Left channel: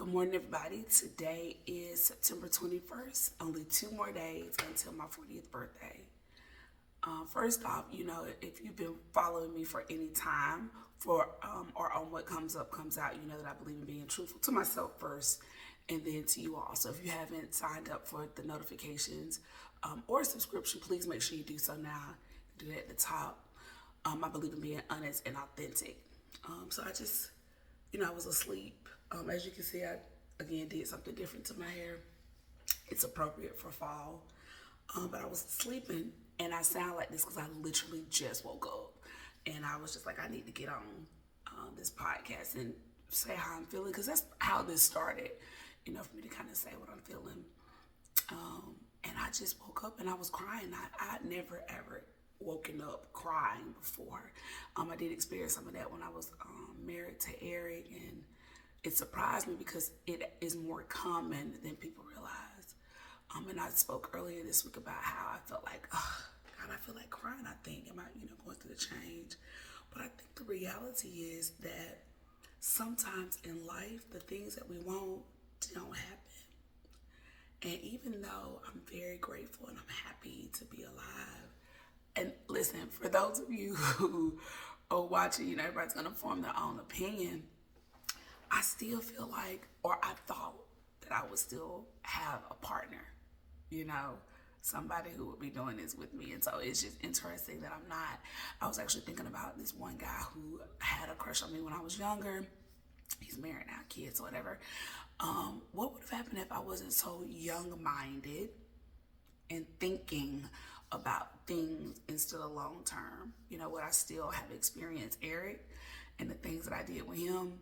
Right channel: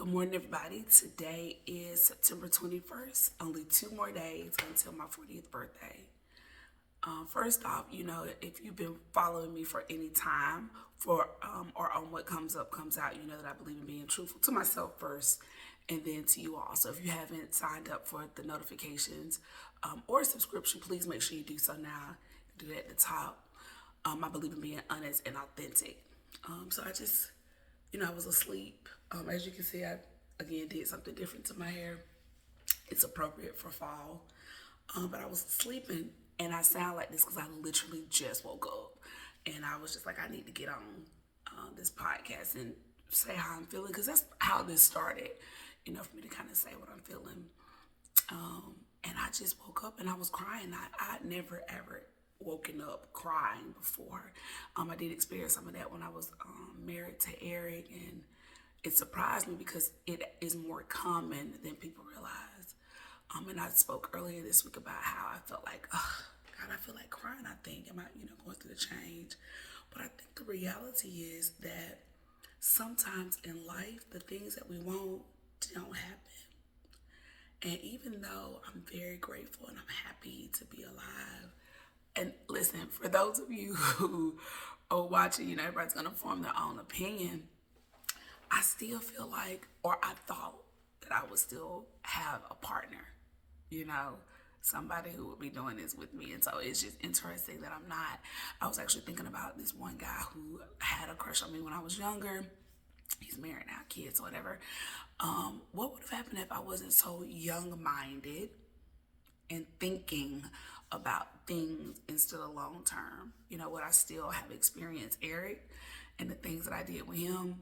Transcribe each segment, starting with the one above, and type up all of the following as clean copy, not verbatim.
Good morning, everybody. Today is September 21st. Only 2 more days until my 40th birthday. First off, if you've been following me for any time or on what comes up, comes out, you know that I believe in being truthful to myself first and then to you all. So if you haven't signed up for the notifications or subscription, please make sure you do so now. Do that at the top. I believe in being honest and authentic. So I was asleep. As you can see, I again did something different to my hair. It's appropriate for fall. But I was sleeping and I sound like this because I literally just woke up. And I was just like, I need to get on this podcast and say how I'm feeling because that's how this started, for me to kind of say what I'm feeling. And I just woke up and I was crying. I'd never ever woken up crying before. I did experience some of that when I was married to Eric, and it surprised me because it is more common than people realize. And I spoke earlier this week about how I felt like, oh, God, I feel like crying. I think, am I, going through the change? But I think the reality is that sometimes in life, the things that we want don't happen. And even though I'm very grateful and I'm happy to be alive, and listen, for those of you who are watching, everybody's going to form their own opinion. I still feel like, or I thought that I would still have a partner, somebody who would be doing this with me. And so it's just interesting that I'm not. I was actually thinking about this one guy who had a crush on me when I was younger. He's married now, kids, whatever. What would have happened if I wasn't so young-minded and thinking about things instead of long term? Would I still have experienced Eric and the things that I did with him?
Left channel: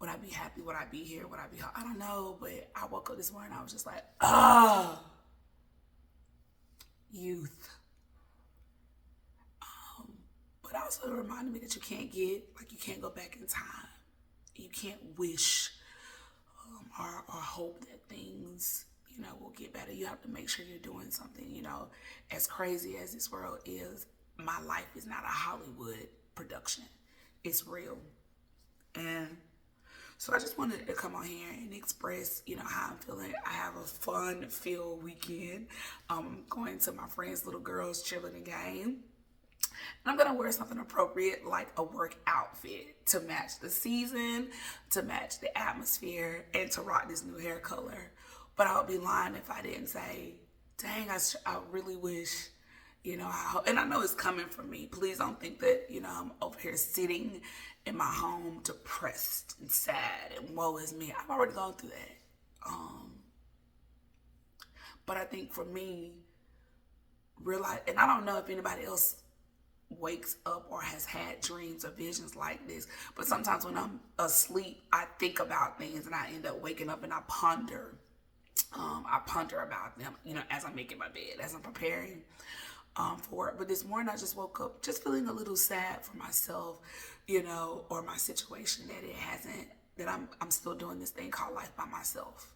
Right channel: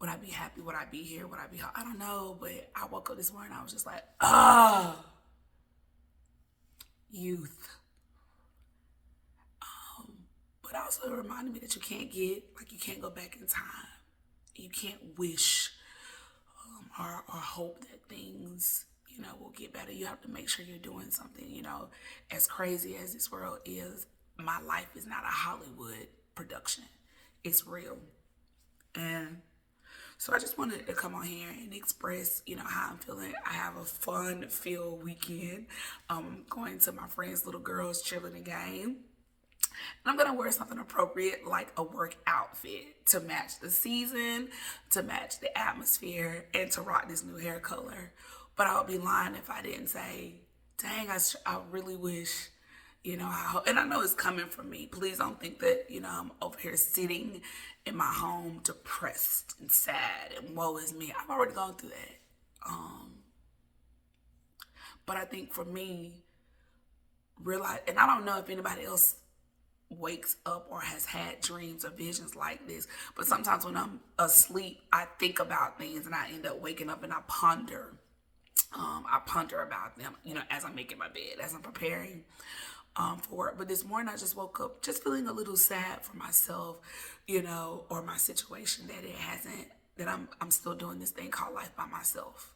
Would I be happy? Would I be here? Would I be? I don't know, but I woke up this morning, I was just like, youth. But also it reminded me that you can't go back in time. You can't wish or hope that things will get better. You have to make sure you're doing something. As crazy as this world is, my life is not a Hollywood production. It's real. And so I just wanted to come on here and express, how I'm feeling. I have a fun-filled weekend. I'm going to my friend's little girl's cheerleading game. And I'm going to wear something appropriate, like a work outfit, to match the season, to match the atmosphere, and to rock this new hair color. But I would be lying if I didn't say, dang, I really wish, and I know it's coming from me. Please don't think that, I'm over here sitting in my home depressed and sad and woe is me. I've already gone through that. But I think for me, realize, and I don't know if anybody else wakes up or has had dreams or visions like this, but sometimes when I'm asleep, I think about things and I end up waking up and I ponder about them, as I'm making my bed, as I'm preparing for work. But this morning I just woke up just feeling a little sad for myself, or my situation, that I'm still doing this thing called life by myself.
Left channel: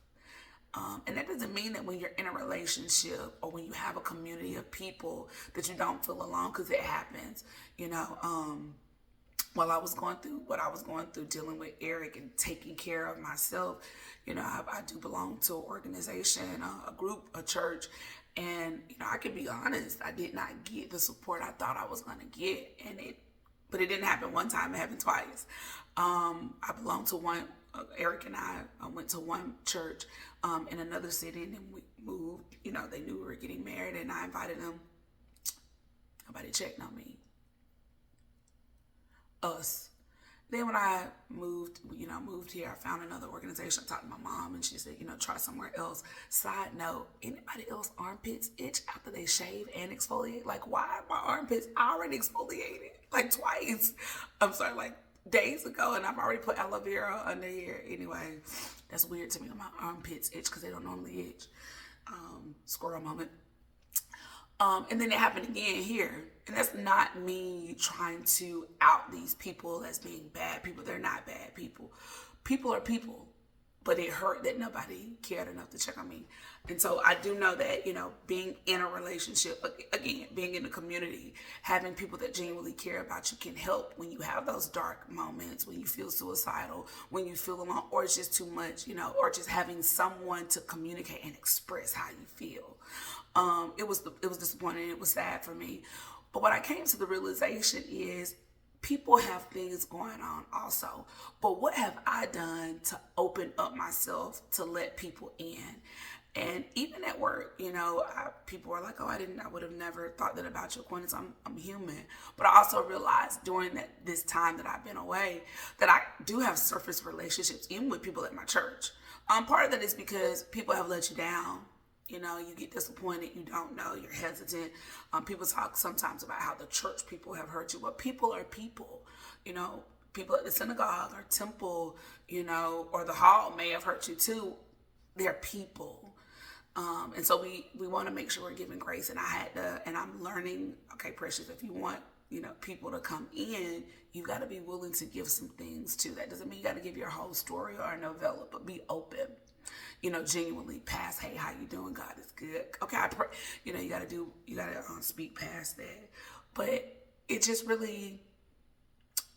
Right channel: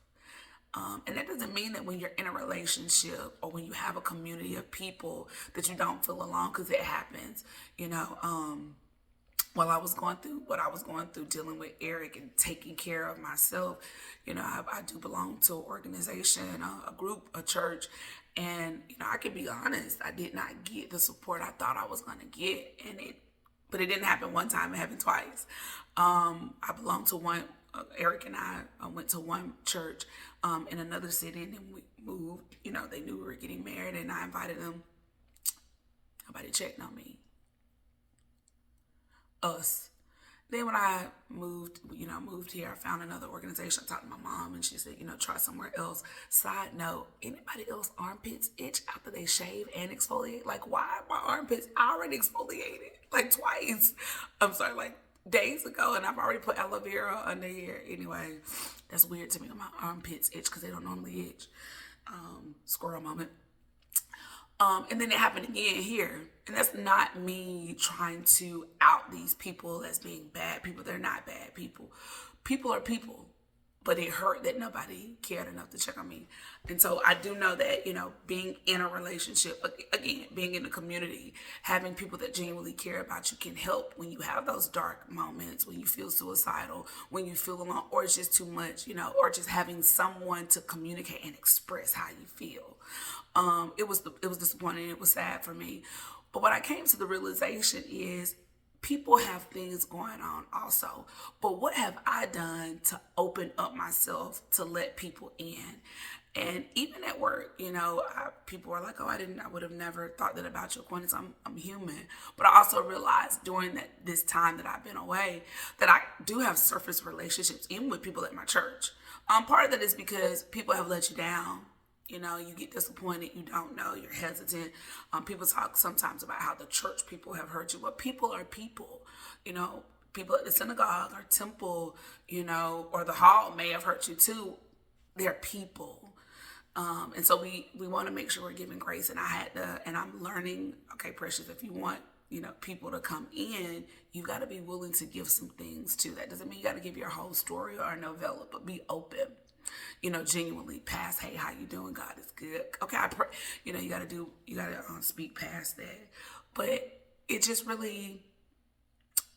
And that doesn't mean that when you're in a relationship or when you have a community of people that you don't feel alone, because it happens, while I was going through what I was going through, dealing with Eric and taking care of myself, I do belong to an organization, a group, a church. And, I can be honest, I did not get the support I thought I was going to get. But it didn't happen one time, it happened twice. I belong to one, Eric and I went to one church in another city, and then we moved. They knew we were getting married, and I invited them. Nobody checked on me. Us. Then when I moved here, I found another organization. I talked to my mom, and she said, try somewhere else. Side note, anybody else armpits itch after they shave and exfoliate? Like, why are my armpits already exfoliated? Like twice. I'm sorry, like days ago, and I've already put aloe vera under here. Anyway, that's weird to me when my armpits itch because they don't normally itch. Squirrel moment. And then it happened again here. And that's not me trying to out these people as being bad people. They're not bad people. People are people. but it hurt that nobody cared enough to check on me. And so I do know that, being in a relationship, again, being in a community, having people that genuinely care about you can help when you have those dark moments, when you feel suicidal, when you feel alone, or it's just too much, or just having someone to communicate and express how you feel. It was disappointing. It was sad for me. But what I came to the realization is people have things going on also. But what have I done to open up myself to let people in? And even at work, people are like, "Oh, I would have never thought that about you, Aquinas. I'm human." But I also realized during this time that I've been away that I do have surface relationships, even with people at my church. Part of that is because people have let you down. You get disappointed, you don't know, you're hesitant. People talk sometimes about how the church people have hurt you. But people are people. People at the synagogue or temple, or the hall may have hurt you too. They're people. And so we want to make sure we're giving grace. And I'm learning, okay, Precious, if you want, people to come in, you got to be willing to give some things too. That doesn't mean you got to give your whole story or a novella, but be open. Genuinely past, hey, how you doing? God is good. Okay, I pray. You got to speak past that. But it just really,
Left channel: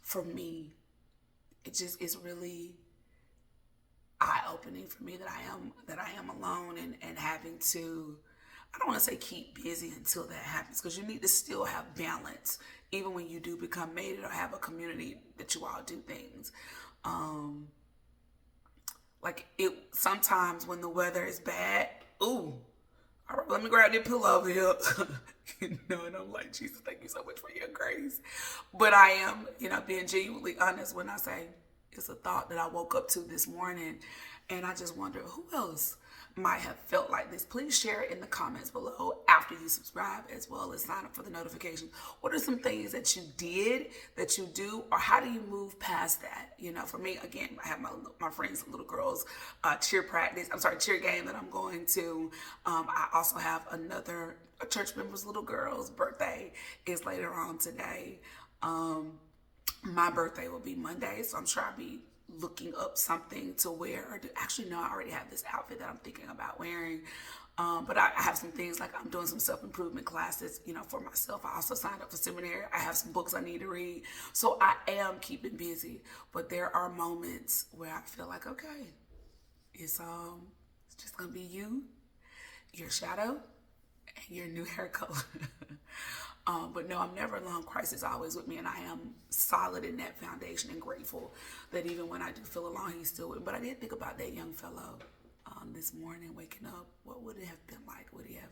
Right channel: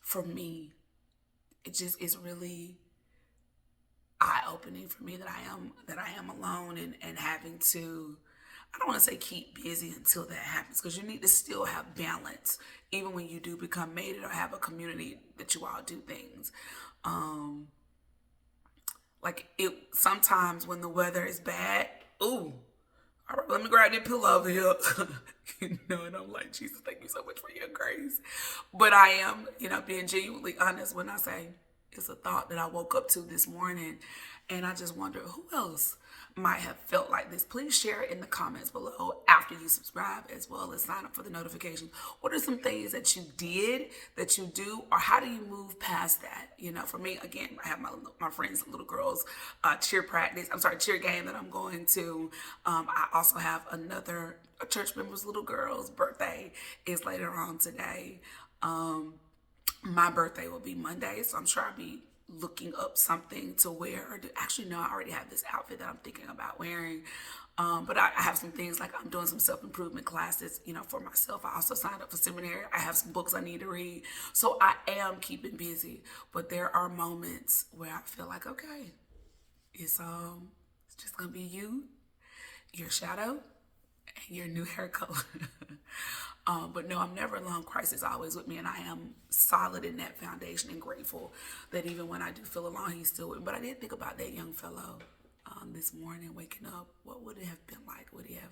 for me, it's really eye-opening for me that I am alone and having to, I don't want to say keep busy until that happens, because you need to still have balance even when you do become mated or have a community that you all do things. Like sometimes when the weather is bad, all right, let me grab that pillow over here. And I'm like, Jesus, thank you so much for your grace. But I am, being genuinely honest when I say it's a thought that I woke up to this morning, and I just wonder who else might have felt like this. Please share it in the comments below after you subscribe, as well as sign up for the notifications. What are some things that you did, that you do, or how do you move past that? For me, again, I have my friends, little girls, cheer game that I'm going to. I also have a church member's little girl's birthday is later on today. My birthday will be Monday, so I'm sure I'll be looking up something to wear. Actually, no, I already have this outfit that I'm thinking about wearing. But I have some things, like I'm doing some self-improvement classes, for myself. I also signed up for seminary. I have some books I need to read. So I am keeping busy. But there are moments where I feel like, okay, it's just going to be you, your shadow, and your new hair color. But no, I'm never alone. Christ is always with me, and I am solid in that foundation and grateful that even when I do feel alone, he's still with me. But I did think about that young fellow this morning, waking up. What would it have been like? Would he have,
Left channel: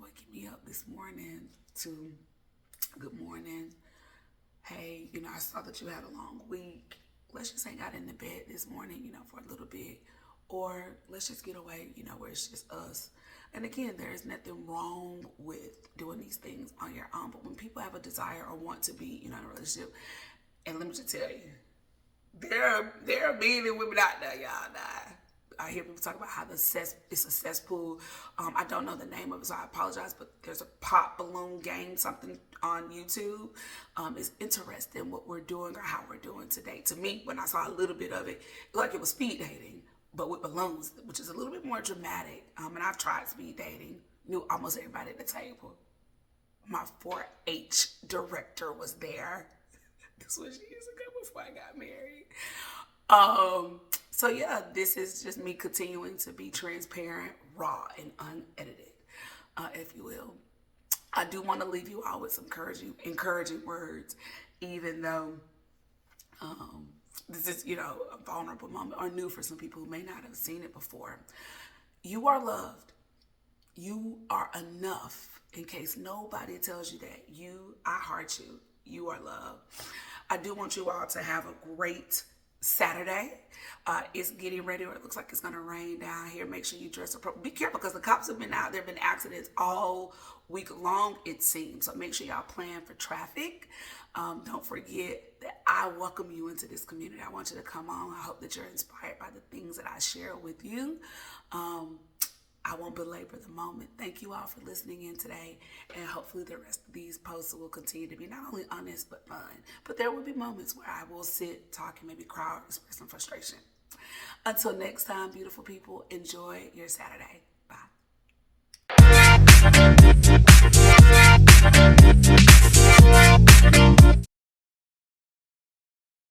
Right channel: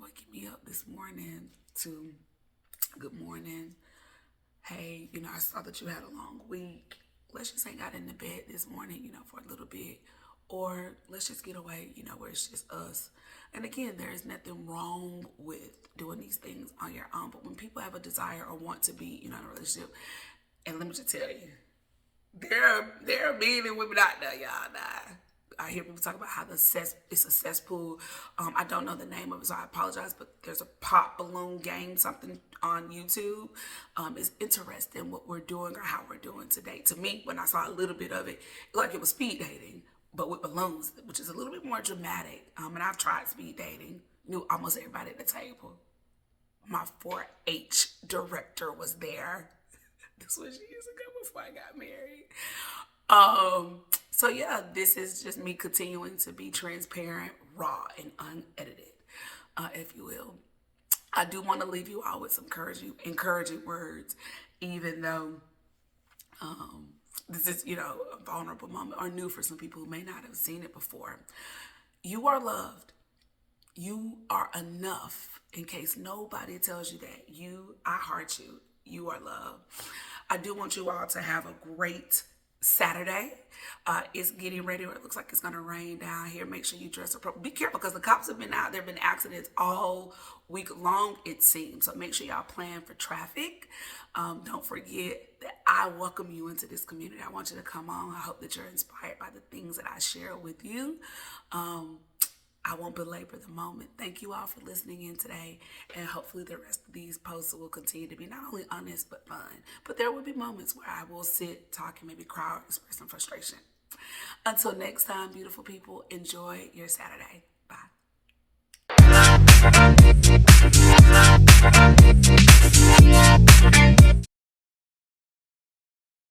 waking me up this morning to good morning? Hey, I saw that you had a long week. Let's just hang out in the bed this morning, for a little bit. Or let's just get away, where it's just us. And again, there is nothing wrong with doing these things on your own. But when people have a desire or want to be, in a relationship, and let me just tell you, there are men and women out there, y'all. I hear people talk about how it's a cesspool. I don't know the name of it, so I apologize. But there's a pop balloon game, something on YouTube. It's interesting what we're doing or how we're doing today. To me, when I saw a little bit of it, it looked like it was speed dating, but with balloons, which is a little bit more dramatic. And I've tried speed dating, knew almost everybody at the table. My 4-H director was there. This was years ago before I got married. So yeah, this is just me continuing to be transparent, raw, and unedited, if you will. I do want to leave you all with some encouraging words, even though this is, a vulnerable moment or new for some people who may not have seen it before. You are loved. You are enough. In case nobody tells you that, I heart you. You are loved. I do want you all to have a great Saturday. It's getting ready, or it looks like it's going to rain down here. Make sure you dress appropriately. Be careful, because the cops have been out. There have been accidents all week long, it seems. So make sure y'all plan for traffic. Don't forget that I welcome you into this community. I want you to come on. I hope that you're inspired by the things that I share with you. I won't belabor the moment. Thank you all for listening in today, and hopefully the rest of these posts will continue to be not only honest but fun. But there will be moments where I will sit, talk, and maybe cry or express some frustration. Until next time, beautiful people, enjoy your Saturday. Bye.